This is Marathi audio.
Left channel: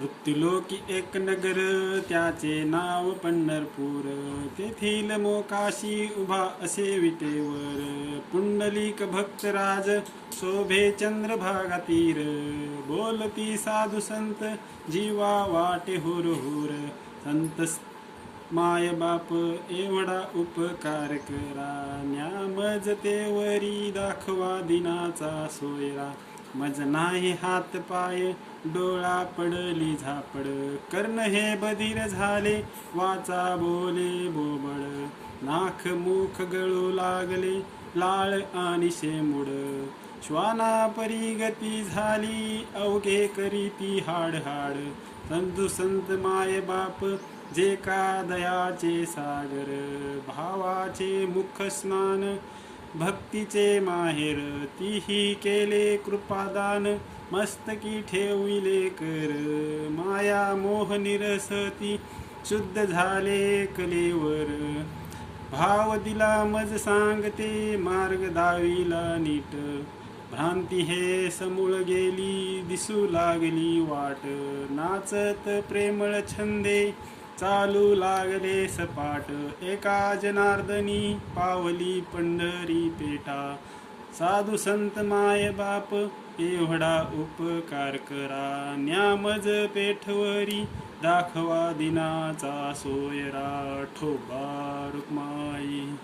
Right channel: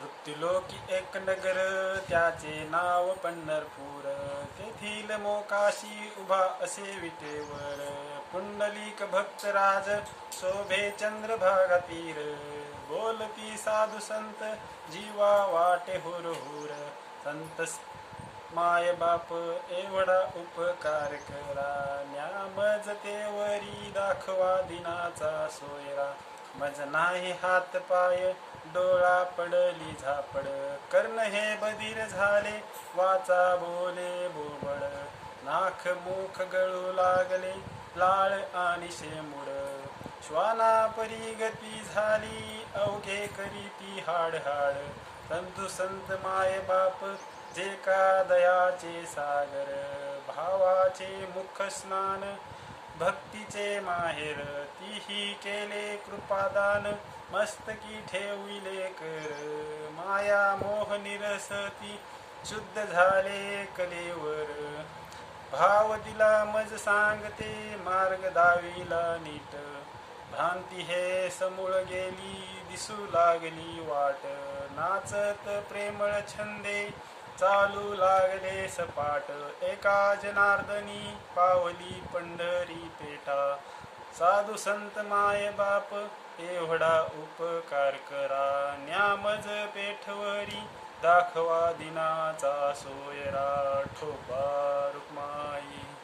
वृत्तिलोकी एक नगर त्याचे नाव पंढरपूर. तेथील मोकाशी उभा असे विटेवर पुंडलिक भक्तराज शोभे चंद्र भागातीर. बोलती साधू संत जीवा वाटे हुर हुर संत माय बाप एवढा उपकार करा. न्यामज तेवरी दाखवा दिनाचा सोयरा. मज नाही हात पाय डोळा पडली झापड. कर्ण हे बधीर झाले वाचा बोले बोबळ नाक मुख गळू लागले लाळ आणि शेमुड श्वाना परी गती झाली अवघे करीती हाड हाड. संतु संत माय बाप जे का दयाचे सागर. भावाचे मुख स्नान भक्तीचे माहेर तीही केले कृपादान मस्तकी ठेविले कर माया मोह निरसती शुद्ध झाले कलेवर. भाव दिला मज सांगते मार्ग दाविला नीट. भ्रांती हे समूळ गेली दिसू लागली वाट. नाचत प्रेमळ छंदे चालू लागले सपाट. एका जनार्दनी पावली पंढरी पेटा. साधू संत माय बाप एवढा उपकार करा. न्यामज पेठवरी दाखवा दिनाचा सोयरा. ठोबा रुक्माई.